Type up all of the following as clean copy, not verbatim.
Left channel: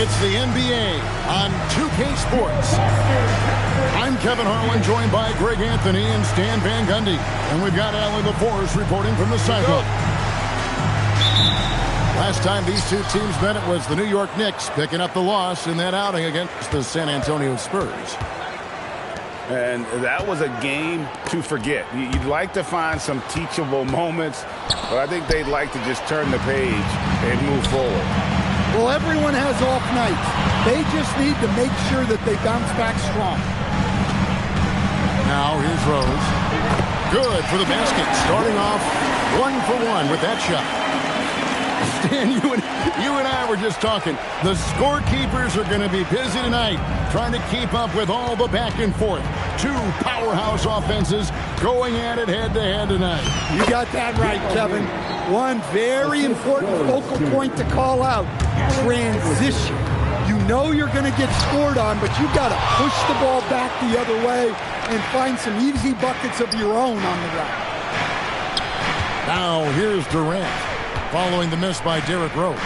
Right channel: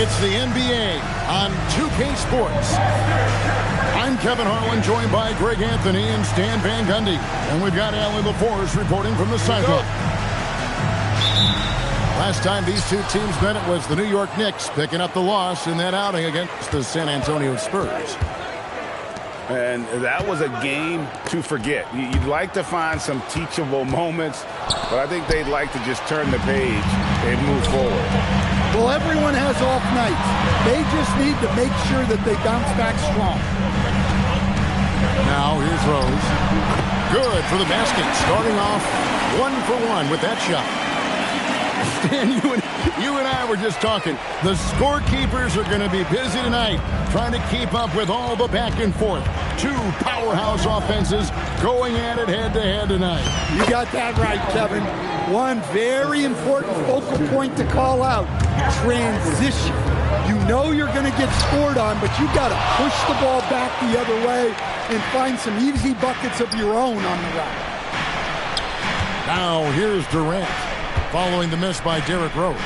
It's the NBA on 2K Sports. I'm Kevin Harlan, joined by Greg Anthony and Stan Van Gundy. And we've got Allie LaForce reporting from the sideline. Last time these two teams met, it was the New York Knicks picking up the loss in that outing against the San Antonio Spurs. And that was a game to forget. You'd like to find some teachable moments, but I think they'd like to just turn the page and move forward. Well, everyone has off nights. They just need to make sure that they bounce back strong. Now here's Rose. Good for the basket. Starting off 1 for 1 with that shot. Stan, you and I were just talking. The scorekeepers are going to be busy tonight trying to keep up with all the back and forth. Two powerhouse offenses going at it head-to-head tonight. You got that right, Kevin. One very important focal point to call out, transition. You know you're going to get scored on, but you got to push the ball back the other way and find some easy buckets of your own on the route. Now here's Durant, following the miss by Derrick Rose.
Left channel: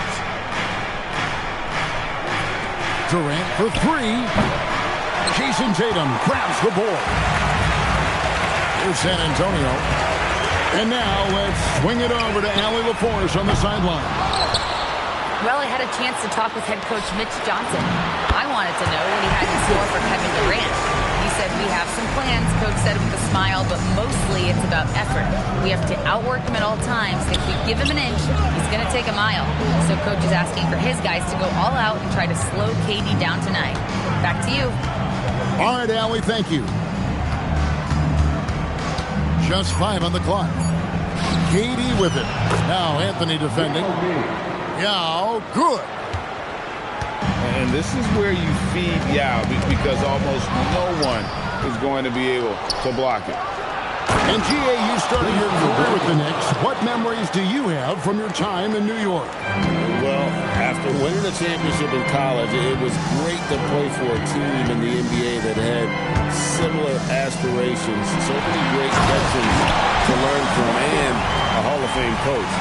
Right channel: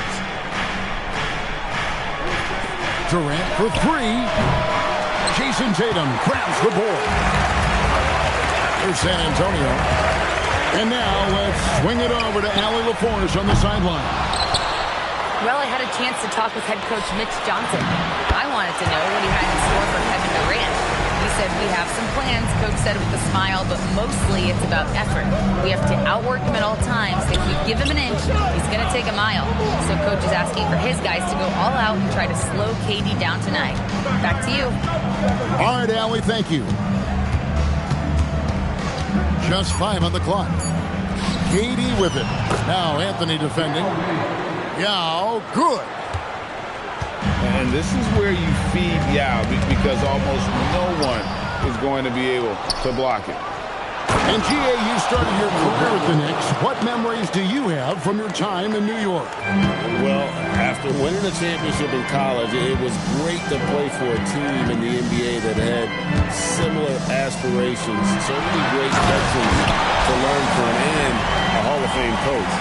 Durant for three. Jason Tatum grabs the board. Here's San Antonio. And now let's swing it over to Allie LaForce on the sideline. Well, I had a chance to talk with head coach Mitch Johnson. I wanted to know what he had in store for Kevin Durant. He said, we have some plans, coach said with a smile, but mostly it's about effort. We have to outwork him at all times. If we give him an inch, he's going to take a mile. So coach is asking for his guys to go all out and try to slow KD down tonight. Back to you. All right, Allie, thank you. Just 5 on the clock. KD with it. Now Anthony defending. Yao, good. And this is where you feed Yao because almost no one is going to be able to block it. And G.A., you started your career with the Knicks. What memories do you have from your time in New York? Well, after winning a championship in college, it was great to play for a team in the NBA that had similar aspirations. So many great veterans to learn from and a Hall of Fame coach.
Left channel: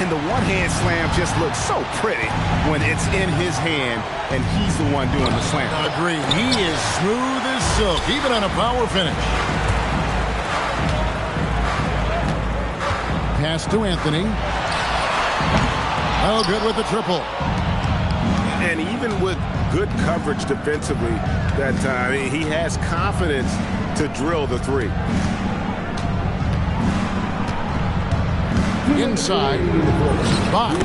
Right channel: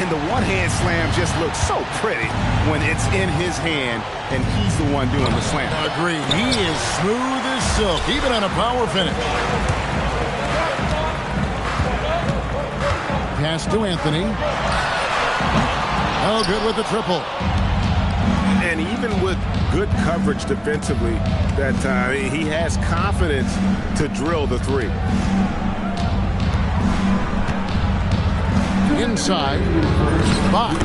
And the one-hand slam just looks so pretty when it's in his hand and he's the one doing the slam. Agreed. He is smooth as silk, even on a power finish. Pass to Anthony. Oh, good with the triple. And even with good coverage defensively that time, he has confidence to drill the three. Inside, Bosh.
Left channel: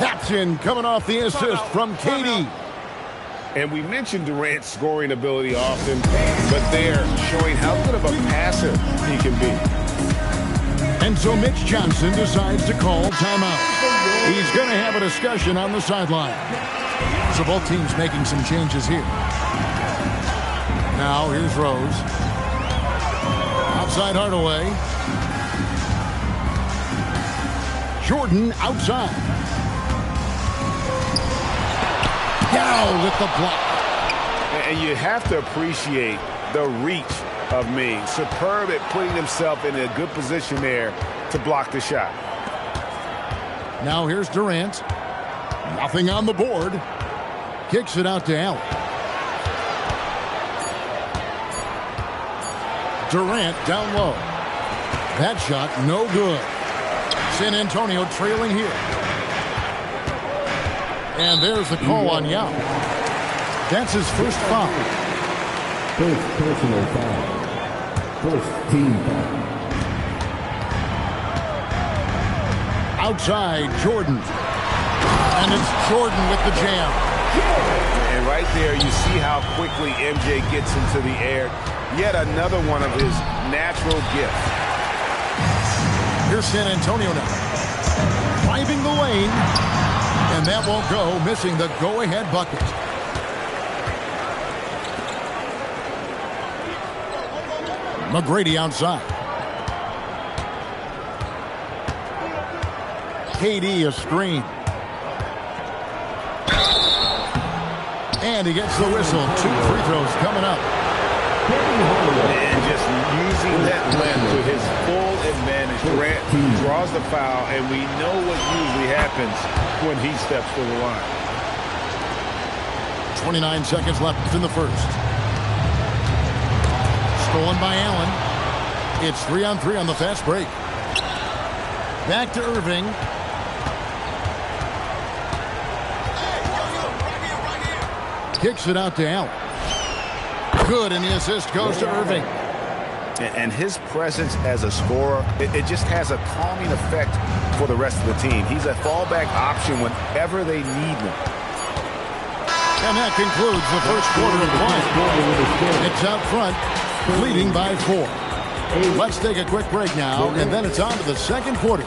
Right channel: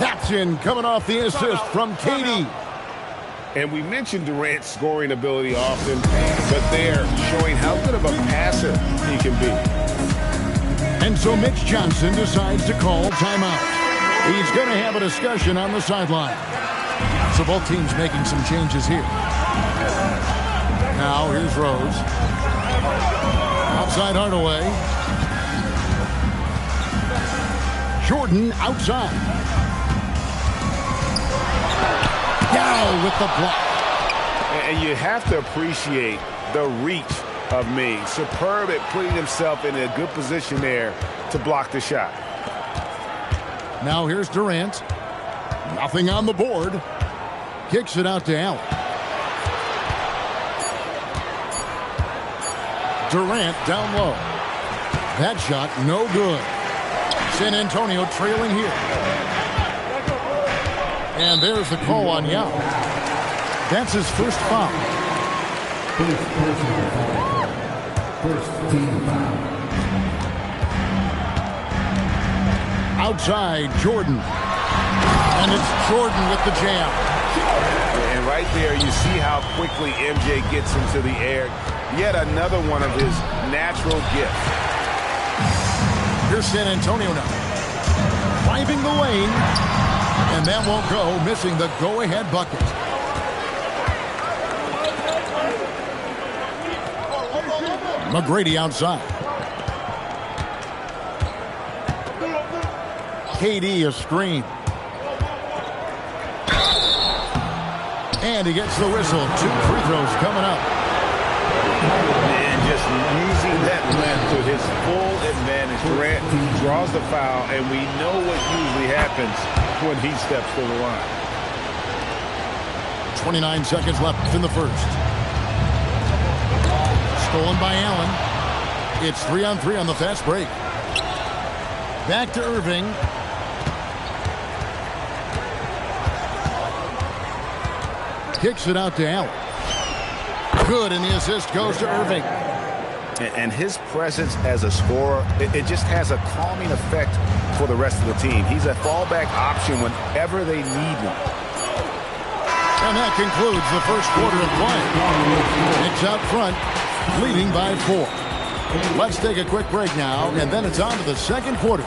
That's in, coming off the assist from KD. And we mentioned Durant's scoring ability often, but they're showing how good of a passer he can be. And so Mitch Johnson decides to call timeout. He's going to have a discussion on the sideline. So both teams making some changes here. Now here's Rose. Outside Hardaway. Jordan outside. Down with the block. And you have to appreciate the reach of Ming. Superb at putting himself in a good position there to block the shot. Now here's Durant. Nothing on the board. Kicks it out to Allen. Durant down low. That shot no good. San Antonio trailing here. And there's the call on Yao. That's his first foul. First personal foul. First team foul. Outside, Jordan. And it's Jordan with the jam. And right there, you see how quickly MJ gets into the air. Yet another one of his natural gifts. Here's San Antonio now. Driving the lane. And that won't go, missing the go-ahead bucket. McGrady outside. KD a screen. And he gets the whistle. 2 free throws coming up. And just using that length to his full advantage. Durant draws the foul, and we know what usually happens when he steps to the line. 29 seconds left in the first. Stolen by Allen. It's 3-on-3 on the fast break. Back to Irving. Kicks it out to Allen. Good, and the assist goes to Irving. And his presence as a scorer, it just has a calming effect for the rest of the team. He's a fallback option whenever they need one. And that concludes the first quarter of play. Knicks out front, leading by 4. Let's take a quick break now, and then it's on to the second quarter.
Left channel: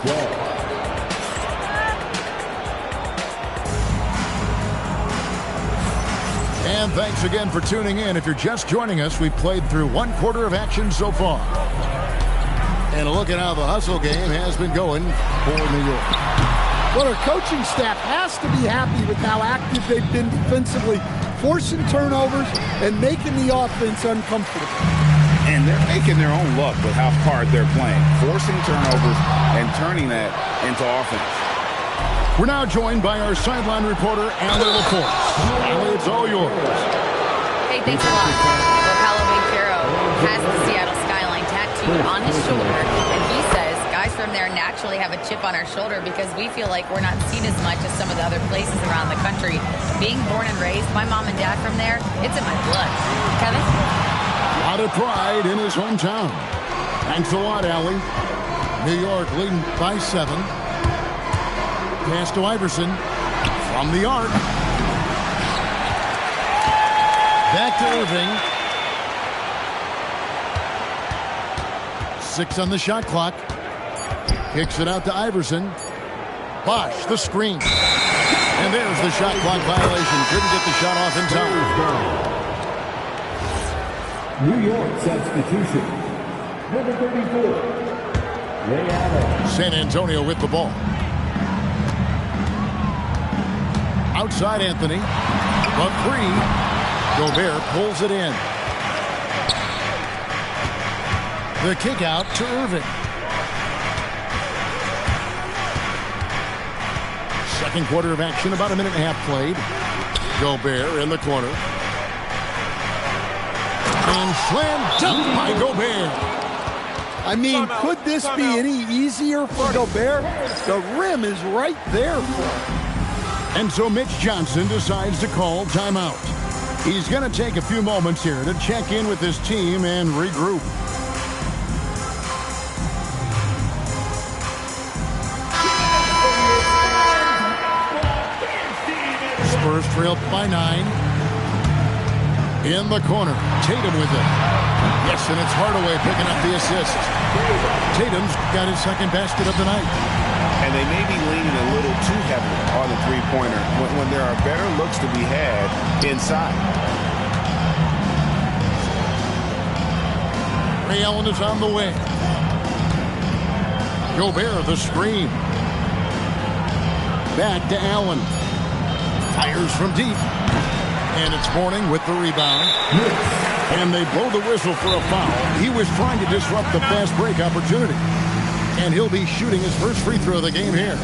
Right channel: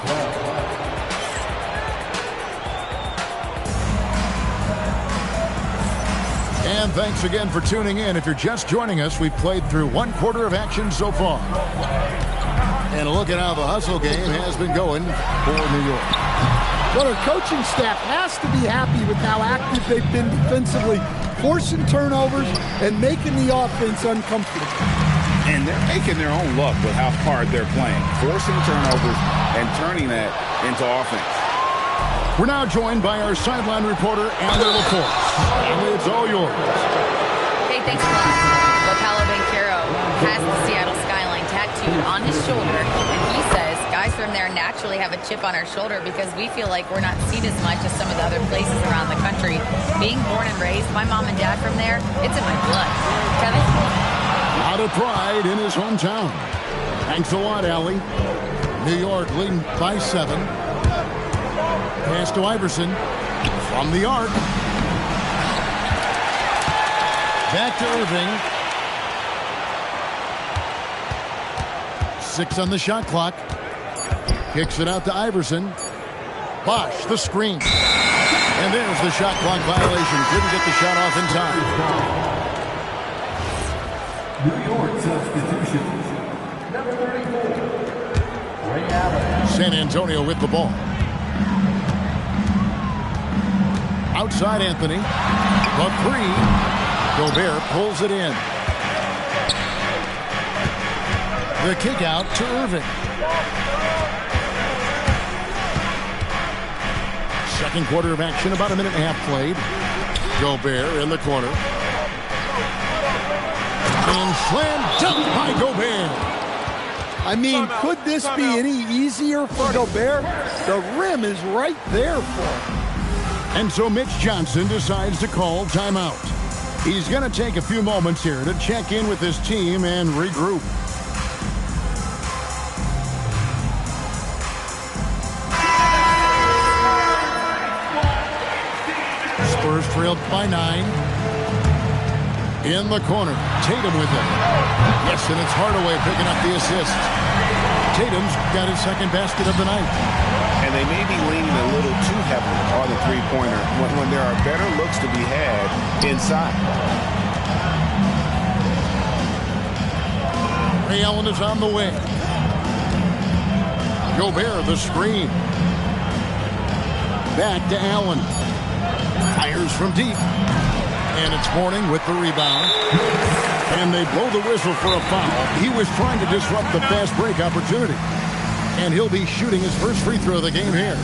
And thanks again for tuning in. If you're just joining us, we've played through one quarter of action so far. And look at how the hustle game has been going for New York. Well, our coaching staff has to be happy with how active they've been defensively, forcing turnovers and making the offense uncomfortable. And they're making their own luck with how hard they're playing, forcing turnovers and turning that into offense. We're now joined by our sideline reporter, Allie LaForce. Allie, it's all yours. Hey, thanks a lot. Well, Paolo Banchero has the Seattle skyline tattooed on his shoulder, and he says guys from there naturally have a chip on our shoulder because we feel like we're not seen as much as some of the other places around the country. Being born and raised, my mom and dad from there, it's in my blood. Kevin? A lot of pride in his hometown. Thanks a lot, Allie. New York leading by 7. Pass to Iverson from the arc. Back to Irving. 6 on the shot clock. Kicks it out to Iverson. Bosh, the screen. And there's the shot clock violation. Couldn't get the shot off in time. New York substitution. Number 34, Ray Allen. San Antonio with the ball. Outside Anthony. The 3. Gobert pulls it in. The kick out to Irving. Second quarter of action, about a minute and a half played. Gobert in the corner. And slam dunk by Gobert. I mean, could this be any easier for Gobert? The rim is right there for him. And so Mitch Johnson decides to call timeout. He's going to take a few moments here to check in with his team and regroup. Spurs trailed by 9. In the corner, Tatum with it. Yes, and it's Hardaway picking up the assist. Tatum's got his second basket of the night. And they may be leaning a little too heavily on the three-pointer when there are better looks to be had inside. Ray Allen is on the way. Gobert, the screen. Back to Allen. Fires from deep. And it's Mourning with the rebound. And they blow the whistle for a foul. He was trying to disrupt the fast break opportunity. And he'll be shooting his first free throw of the game here.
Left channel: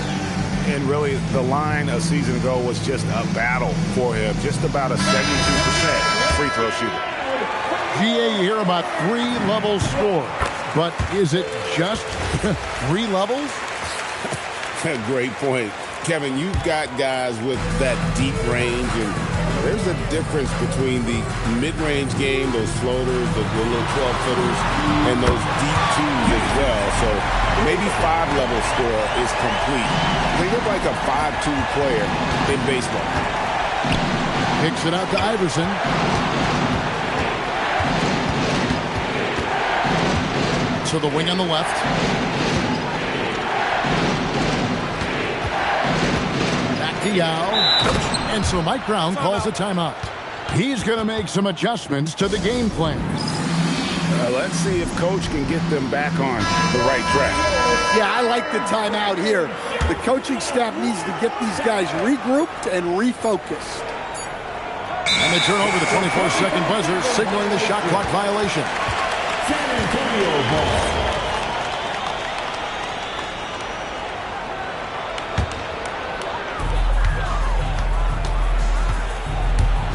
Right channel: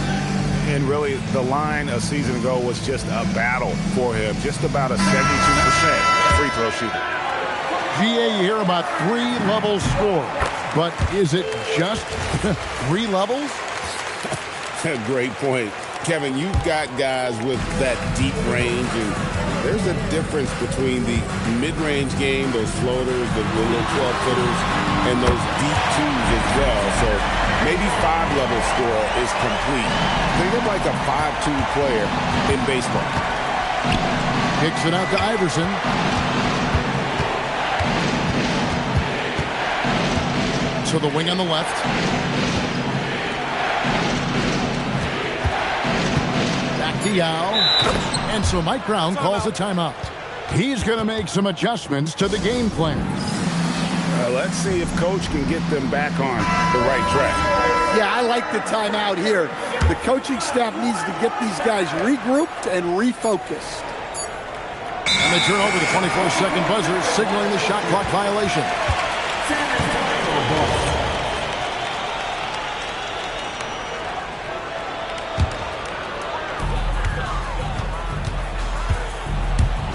And really, the line a season ago was just a battle for him. Just about a 72% free throw shooter. GA, you hear about 3-level score. But is it just 3 levels? Great point. Kevin, you've got guys with that deep range, and there's a difference between the mid-range game, those floaters, the little 12-footers, and those deep 2s as well. So maybe 5-level score is complete. Think of like a 5-2 player in baseball. Kicks it out to Iverson. To the wing on the left. Back to Yao. And so Mike Brown calls a timeout. He's going to make some adjustments to the game plan. Let's see if Coach can get them back on the right track. Yeah, I like the timeout here. The coaching staff needs to get these guys regrouped and refocused. And they turn over the 24-second buzzer, signaling the shot clock violation. San Antonio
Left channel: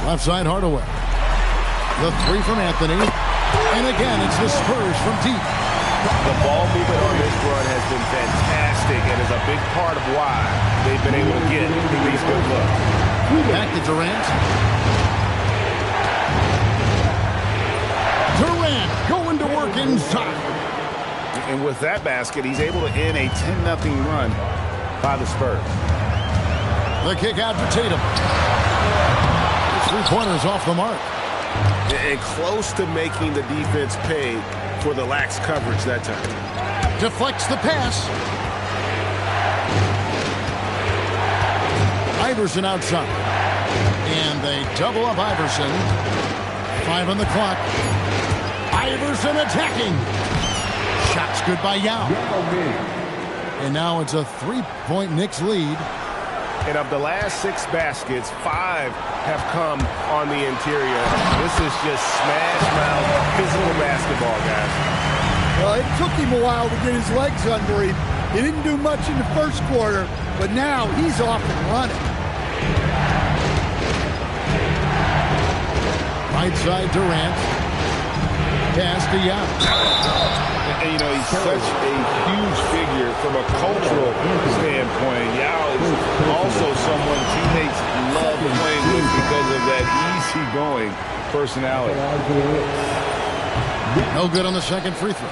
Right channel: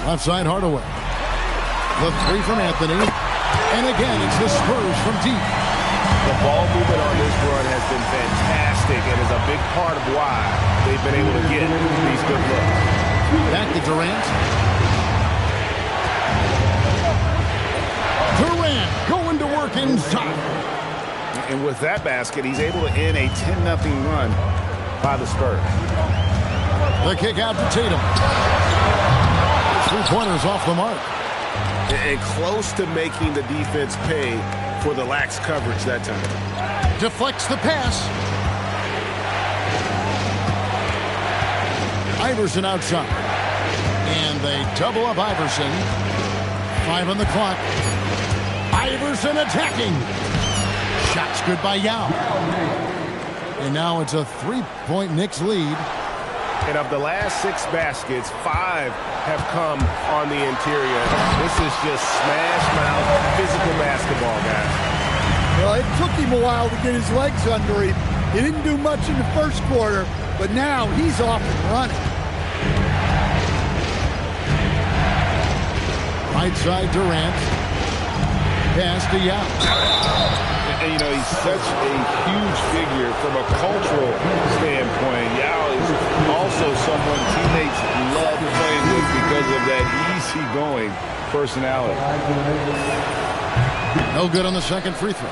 Left side, Hardaway. The three from Anthony. And again, it's the Spurs from deep. The ball movement on this run has been fantastic and is a big part of why they've been able to get these good looks. Back to Durant. Durant going to work inside. And with that basket, he's able to end a 10-0 run by the Spurs. The kick out to Tatum. Three-pointers off the mark. And close to making the defense pay for the lax coverage that time. Deflects the pass. Iverson outside. And they double up Iverson. 5 on the clock. Iverson attacking. Shots good by Yao. And now it's a 3-point Knicks lead. And of the last 6 baskets, 5 have come on the interior. This is just smash-mouth physical basketball, guys. Well, it took him a while to get his legs under him. He didn't do much in the first quarter, but now he's off and running. Right side, Durant. Pass to Yao. And, you know, he's such a huge figure from a cultural standpoint. Yao is also someone teammates love playing with because of that easygoing personality. No good on the second free throw.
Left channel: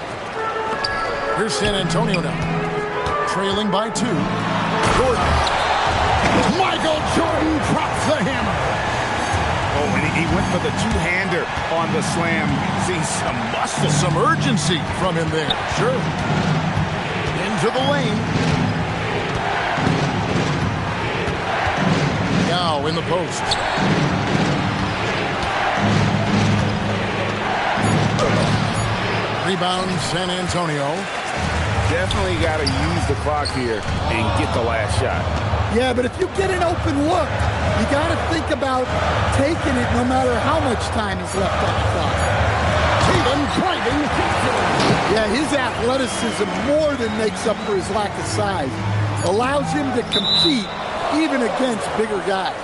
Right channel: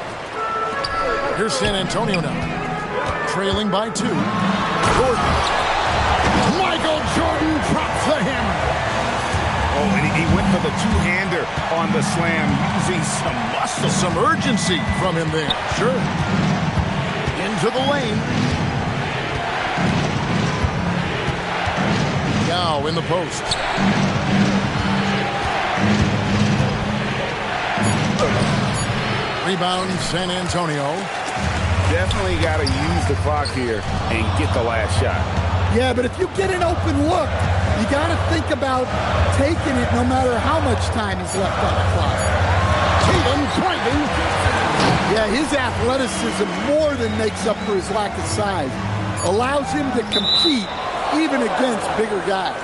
Here's San Antonio now. Trailing by 2. Jordan. Michael Jordan drops the hammer. Oh, and he went for the two-hander on the slam, using some muscle. Some urgency from him there. Sure. Into the lane. Yao in the post. Rebound, San Antonio. Definitely got to use the clock here and get the last shot. Yeah, but if you get an open look, you got to think about taking it no matter how much time is left on the clock. Tatum driving. Yeah, his athleticism more than makes up for his lack of size. Allows him to compete even against bigger guys.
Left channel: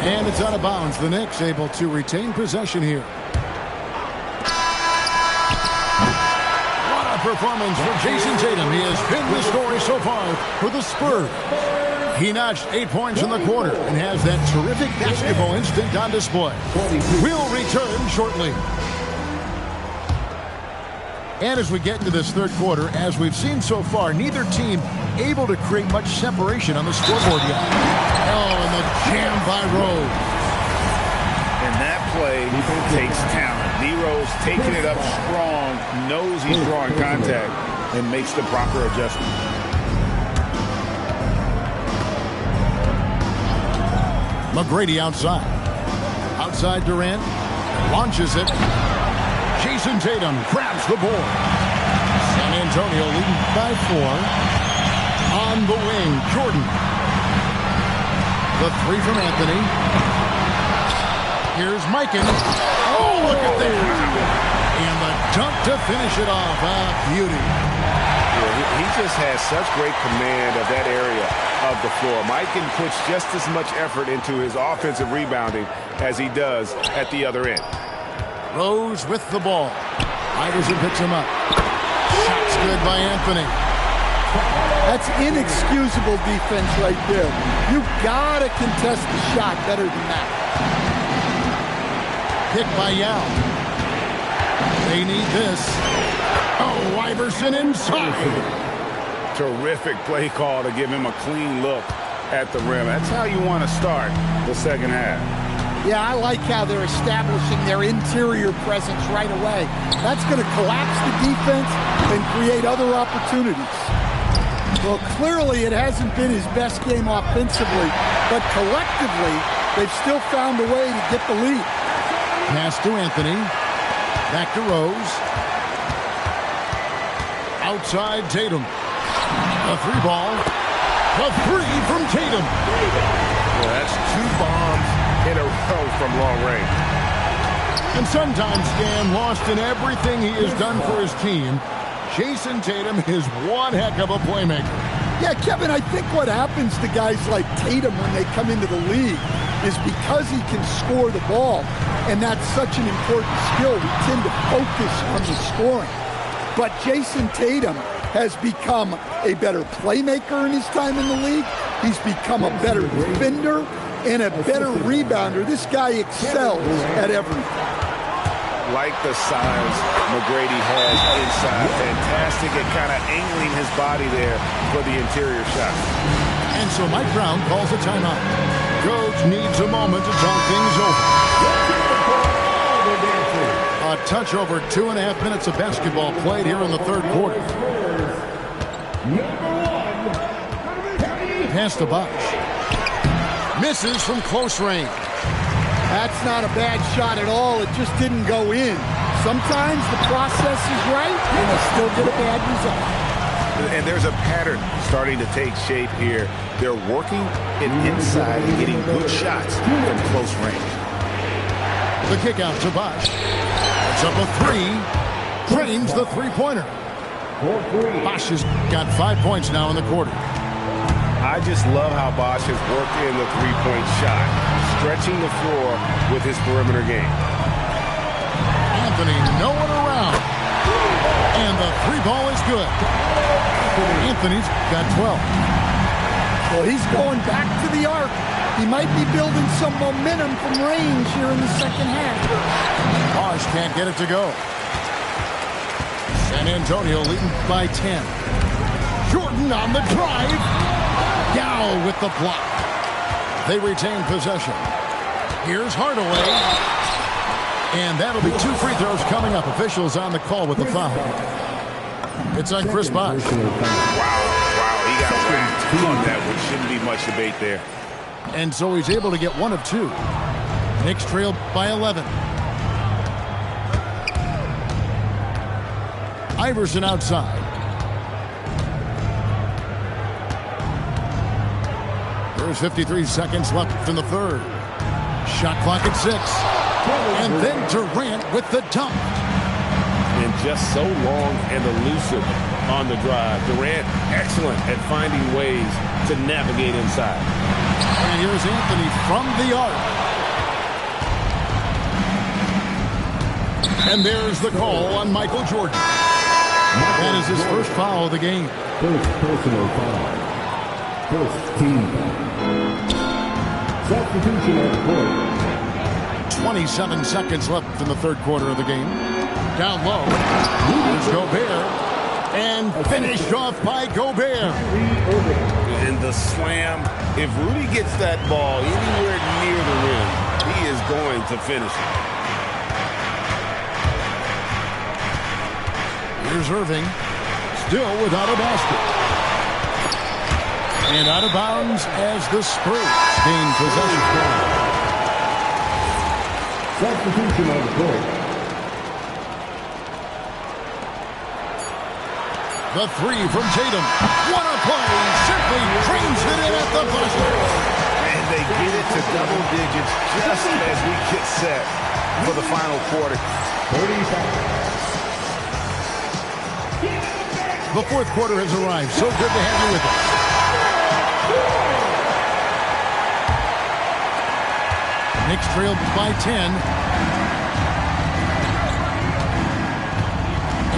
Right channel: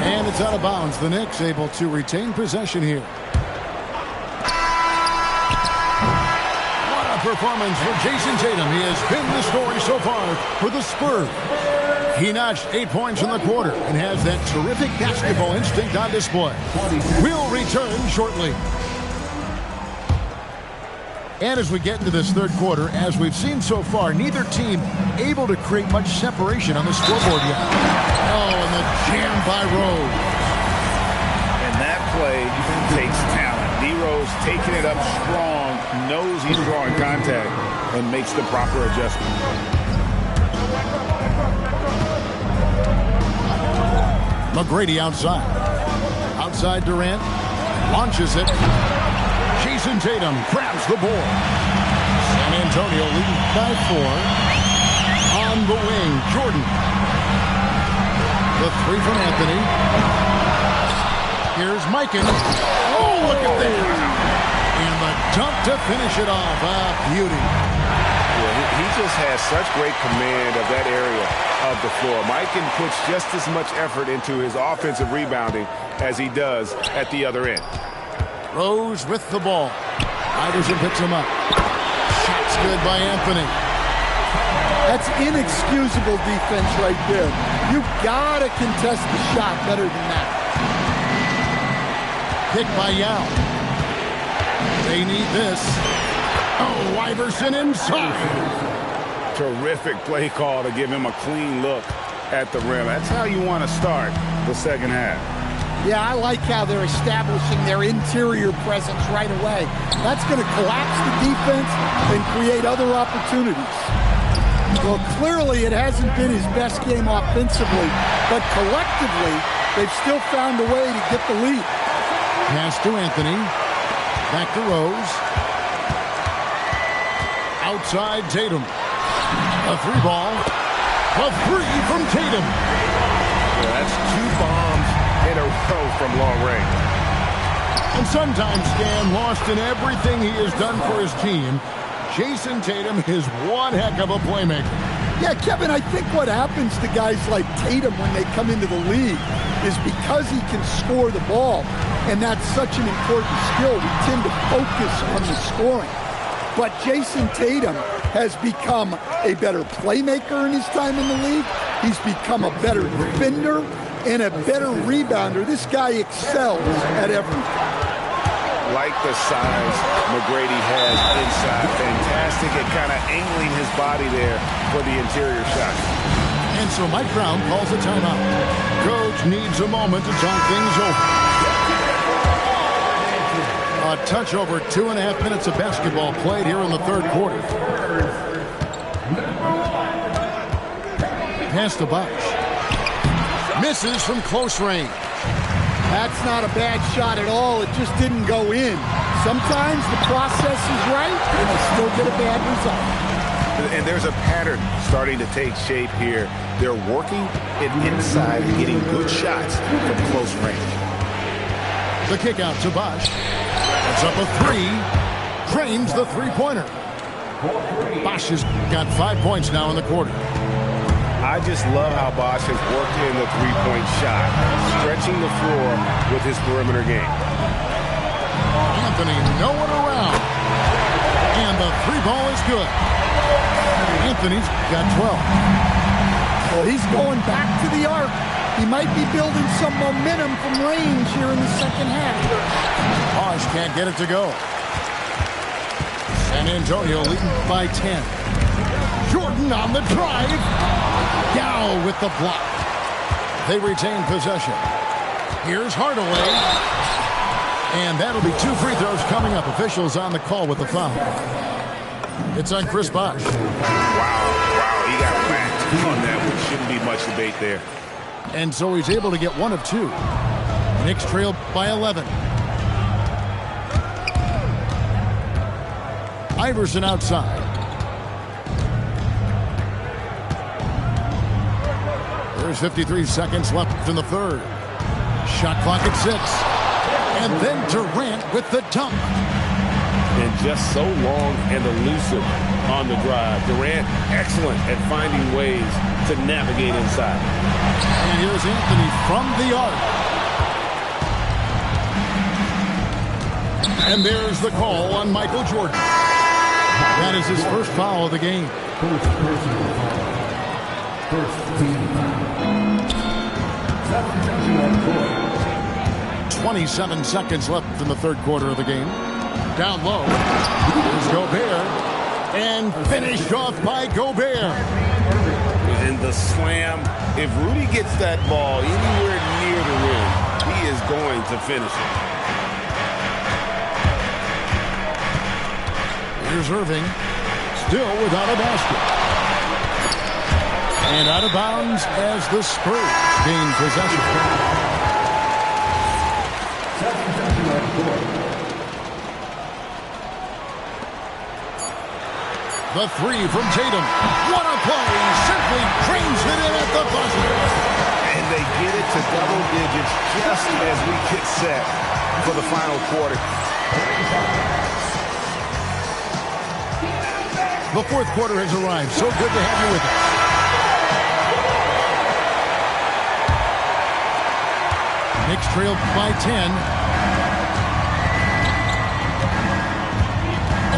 And it's out of bounds. The Knicks able to retain possession here. What a performance for Jason Tatum. He has been the story so far for the Spurs. He notched 8 points in the quarter and has that terrific basketball instinct on display. We'll return shortly. And as we get into this third quarter, as we've seen so far, neither team able to create much separation on the scoreboard yet. Oh, and the jam by Rose. And that play takes talent. D. Rose taking it up strong, knows he's drawing contact, and makes the proper adjustment. McGrady outside. Outside Durant. Launches it. Jason Tatum grabs the board. San Antonio leading by 4. On the wing, Jordan. The 3 from Anthony. Here's Mikan. Oh, look at that. And the dunk to finish it off. Beauty. Yeah, he just has such great command of that area of the floor. Mikan puts just as much effort into his offensive rebounding as he does at the other end. Rose with the ball. Iverson picks him up. Shots good by Anthony. That's inexcusable defense right there. You gotta contest the shot better than that. Kick by Yao. They need this. Oh, Iverson inside. Terrific play call to give him a clean look at the rim. That's how you want to start the second half. Yeah, I like how they're establishing their interior presence right away. That's going to collapse the defense and create other opportunities. Well, clearly it hasn't been his best game offensively, but collectively, they've still found a way to get the lead. Pass to Anthony. Back to Rose. Outside Tatum. A 3 ball. The 3 from Tatum. Yeah, that's 2 bombs in a row from long range. And sometimes, Stan, lost in everything he has done for his team, Jayson Tatum is one heck of a playmaker. Yeah, Kevin, I think what happens to guys like Tatum when they come into the league is because he can score the ball, and that's such an important skill, we tend to focus on the scoring. But Jayson Tatum has become a better playmaker in his time in the league. He's become a better defender and a better rebounder. This guy excels at everything. Like the size McGrady has inside. Fantastic at kind of angling his body there for the interior shot. And so Mike Brown calls a timeout. Coach needs a moment to talk things over. A touch over 2.5 minutes of basketball played here in the third quarter. Pass to Bosh. Misses from close range. That's not a bad shot at all. It just didn't go in. Sometimes the process is right, and you still get a bad result. And there's a pattern starting to take shape here. They're working it inside and getting good shots from close range. The kick out to Bosh. It's up a three. Drains the three-pointer. Bosh has got 5 points now in the quarter. I just love how Bosh has worked in the three-point shot, stretching the floor with his perimeter game. Anthony nowhere around. And the three ball is good. Anthony's got 12. Well, he's going back to the arc. He might be building some momentum from range here in the second half. Bosh can't get it to go. San Antonio leading by 10. Jordan on the drive. Yao with the block. They retain possession. Here's Hardaway. And that'll be 2 free throws coming up. Officials on the call with the foul. It's on Chris Bosh. Wow, he got whacked on that one. Shouldn't be much debate there. And so he's able to get 1 of 2. Knicks trail by 11. Iverson outside. There's 53 seconds left in the third. Shot clock at 6. And then Durant with the dunk. And just so long and elusive on the drive. Durant, excellent at finding ways to navigate inside. And here's Anthony from the arc. And there's the call on Michael Jordan. That is his first foul of the game. First personal foul. First team foul. Substitution on the court. 27 seconds left in the third quarter of the game. Down low. Here's Gobert. And finished off by Gobert. And the slam. If Rudy gets that ball anywhere near the rim, he is going to finish it. Here's Irving. Still without a basket. And out of bounds as the Spurs gain possession. Substitution on the court. The three from Tatum. What a play. Simply drains it in at the buzzer. And they get it to double digits just as we get set for the final quarter. 35. The fourth quarter has arrived. So good to have you with us. Knicks trailed by 10.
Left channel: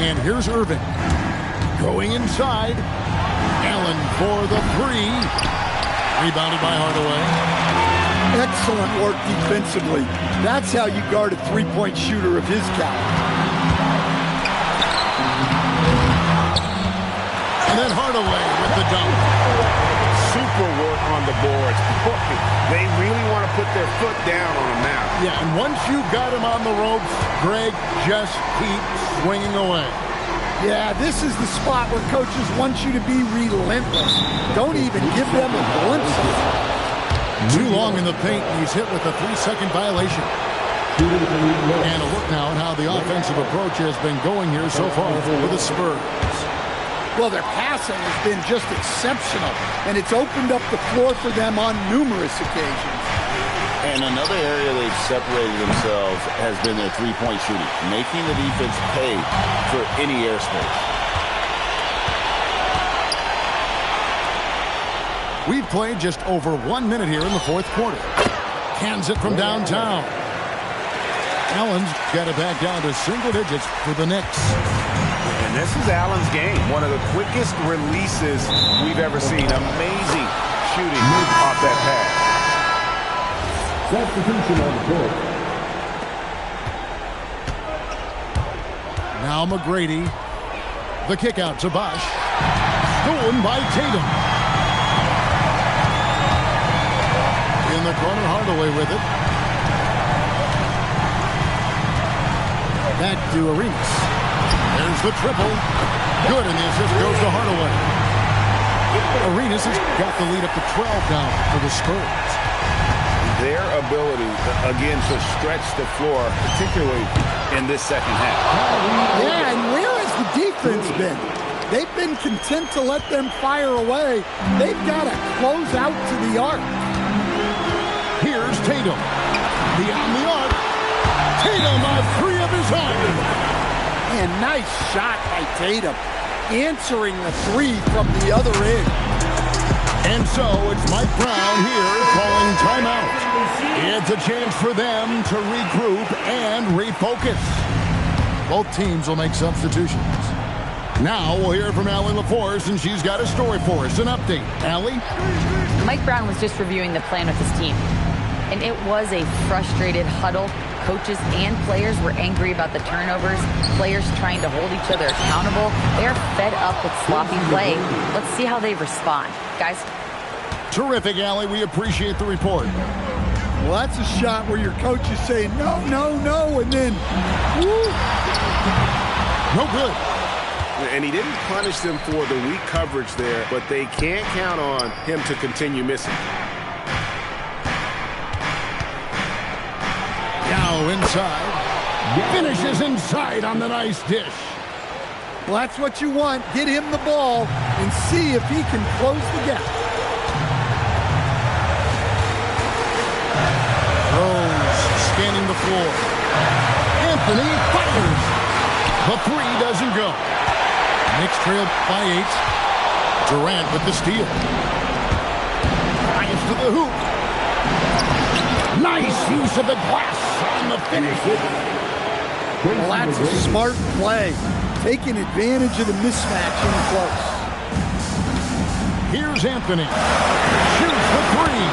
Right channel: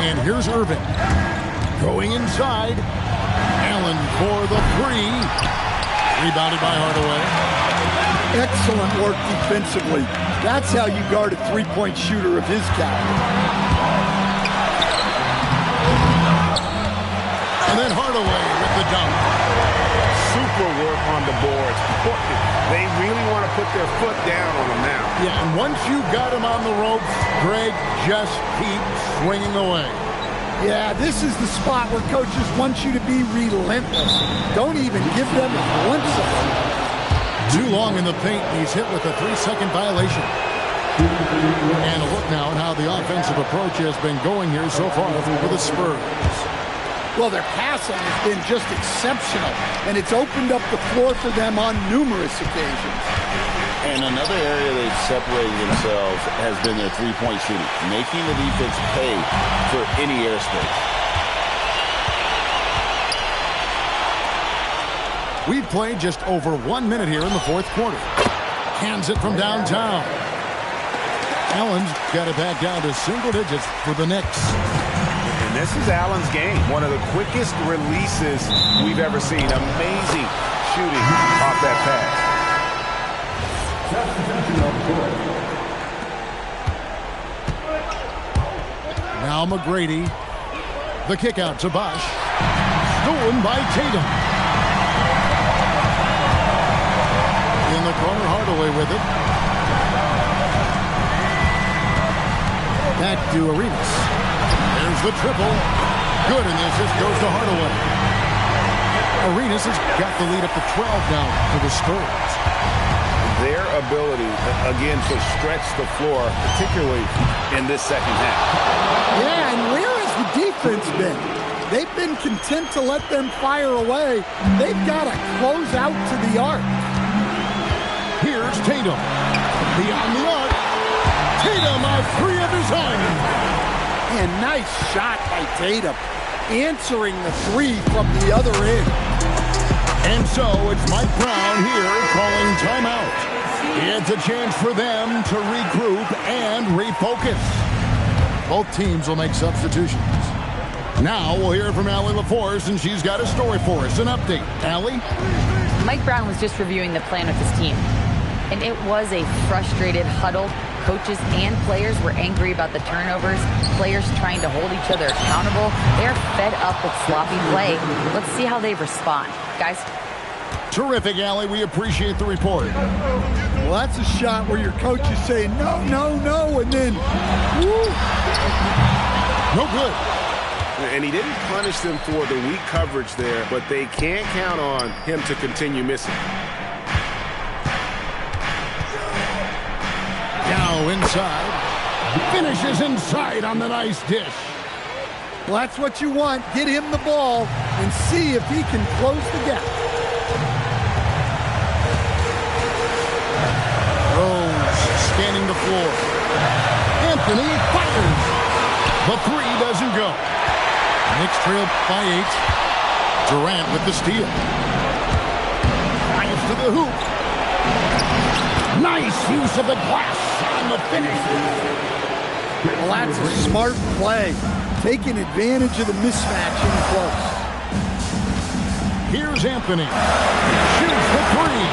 And here's Irving. Going inside. Allen for the three. Rebounded by Hardaway. Excellent work defensively. That's how you guard a three-point shooter of his caliber. And then Hardaway with the dunk. Super work on the boards. Boy, they really want to put their foot down on him now. Yeah, and once you've got him on the ropes, Greg, just keep swinging away. Yeah, this is the spot where coaches want you to be relentless. Don't even give them a glimpse of it. Too long in the paint, and he's hit with a 3-second violation. And a look now at how the offensive approach has been going here so far for the Spurs. Well, their passing has been just exceptional, and it's opened up the floor for them on numerous occasions. And another area they've separated themselves has been their three-point shooting, making the defense pay for any airspace. We've played just over 1 minute here in the fourth quarter. Cans it from downtown. Allen's got it back down to single digits for the Knicks. And this is Allen's game. One of the quickest releases we've ever seen. Amazing shooting off that pass. Substitution on court. Now McGrady. The kick out to Bosh. Stolen by Tatum. In the corner, Hardaway with it. Back to Arenas. There's the triple. Good, and the assist goes to Hardaway. Arenas has got the lead up to 12 now for the Spurs. Their ability, again, to stretch the floor, particularly in this second half. Yeah, and where has the defense been? They've been content to let them fire away. They've got to close out to the arc. Here's Tatum. Beyond the arc. Tatum on three of his own. And nice shot by Tatum. Answering the three from the other end. And so it's Mike Brown here calling timeout. It's a chance for them to regroup and refocus. Both teams will make substitutions. Now we'll hear from Allie LaForce, and she's got a story for us. An update. Allie? Mike Brown was just reviewing the plan with his team. And it was a frustrated huddle. Coaches and players were angry about the turnovers. Players trying to hold each other accountable. They're fed up with sloppy play. Let's see how they respond. Guys? Terrific, Allie. We appreciate the report. Well, that's a shot where your coach is saying, no, no, no, and then, woo. No good. And he didn't punish them for the weak coverage there, but they can't count on him to continue missing. Now inside. Finishes inside on the nice dish. Well, that's what you want. Get him the ball and see if he can close the gap. Rose scanning the floor. Anthony fires. The three doesn't go. Knicks trail by 8. Durant with the steal. Drives to the hoop. Nice use of the glass on the finish. Well, that's a smart play. Taking advantage of the mismatch in close. Here's Anthony. Shoots the three.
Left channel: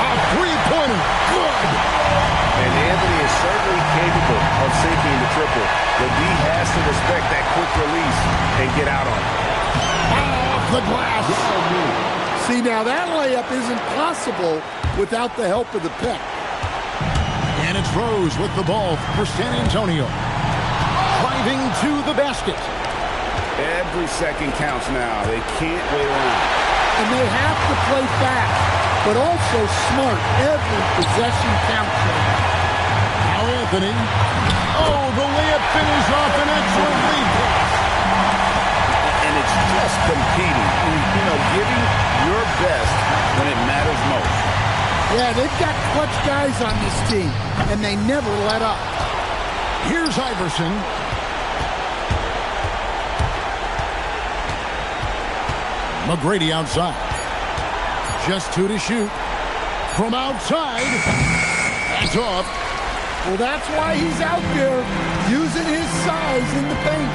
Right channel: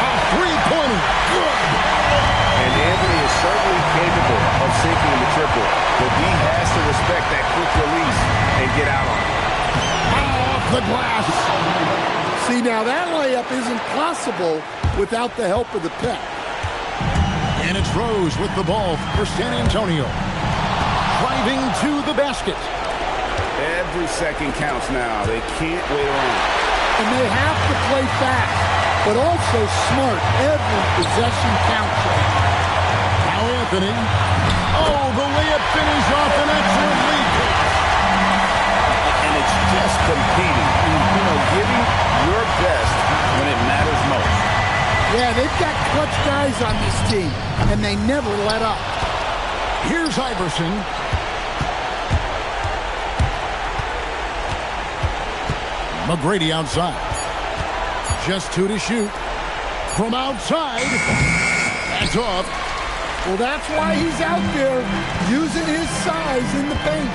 A three-pointer. Good. And Anthony is certainly capable of sinking the triple, but D has to respect that quick release and get out on it. Off the glass. See, now that layup isn't possible without the help of the pick. And it's Rose with the ball for San Antonio. Driving to the basket. Every second counts now. They can't wait around. And they have to play fast, but also smart. Every possession counts. Now Anthony. Oh, the layup finish off an excellent lead pass. And it's just competing, you know, giving your best when it matters most. Yeah, they've got clutch guys on this team, and they never let up. Here's Iverson. McGrady outside. Just 2 to shoot. From outside. That's off. Well, that's why he's out there using his size in the paint.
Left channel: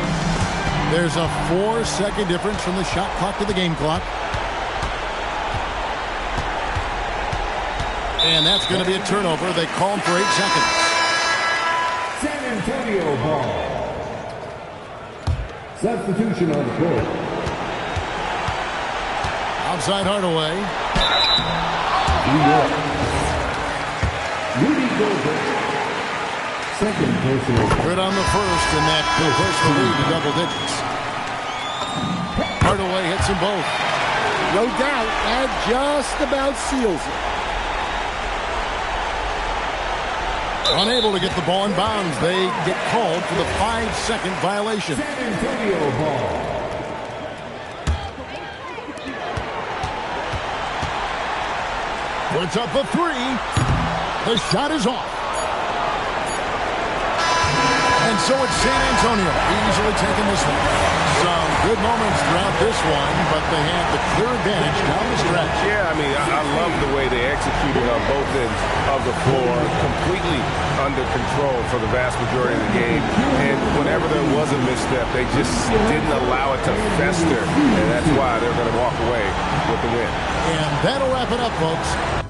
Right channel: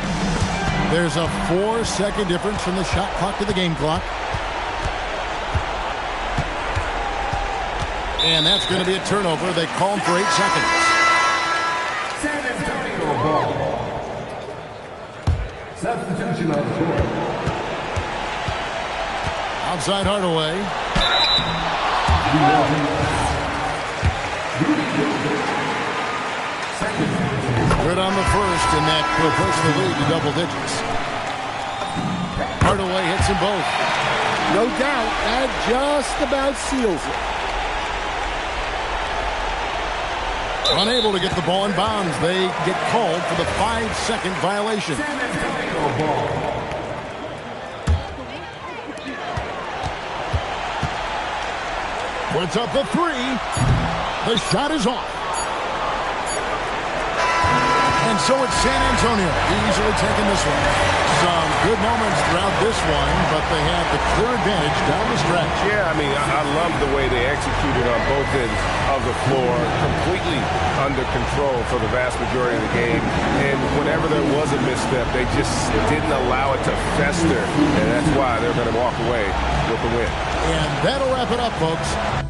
There's a 4-second difference from the shot clock to the game clock. And that's going to be a turnover. They call him for 8 seconds. San Antonio ball. Substitution on court. Outside Hardaway. Rudy Gobert. Second personal. Good on the first, and that will push the lead to double digits. Hardaway hits them both. No doubt, that just about seals it. Unable to get the ball in bounds. They get called for the 5-second violation. San Antonio ball. Puts up the three. The shot is off. And so it's San Antonio easily taking this one. Some good moments throughout this one, but they had the clear advantage down the stretch. Yeah, I mean, I love the way they executed on both ends of the floor, completely under control for the vast majority of the game. And whenever there was a misstep, they just didn't allow it to fester. And that's why they're going to walk away with the win. And that'll wrap it up, folks.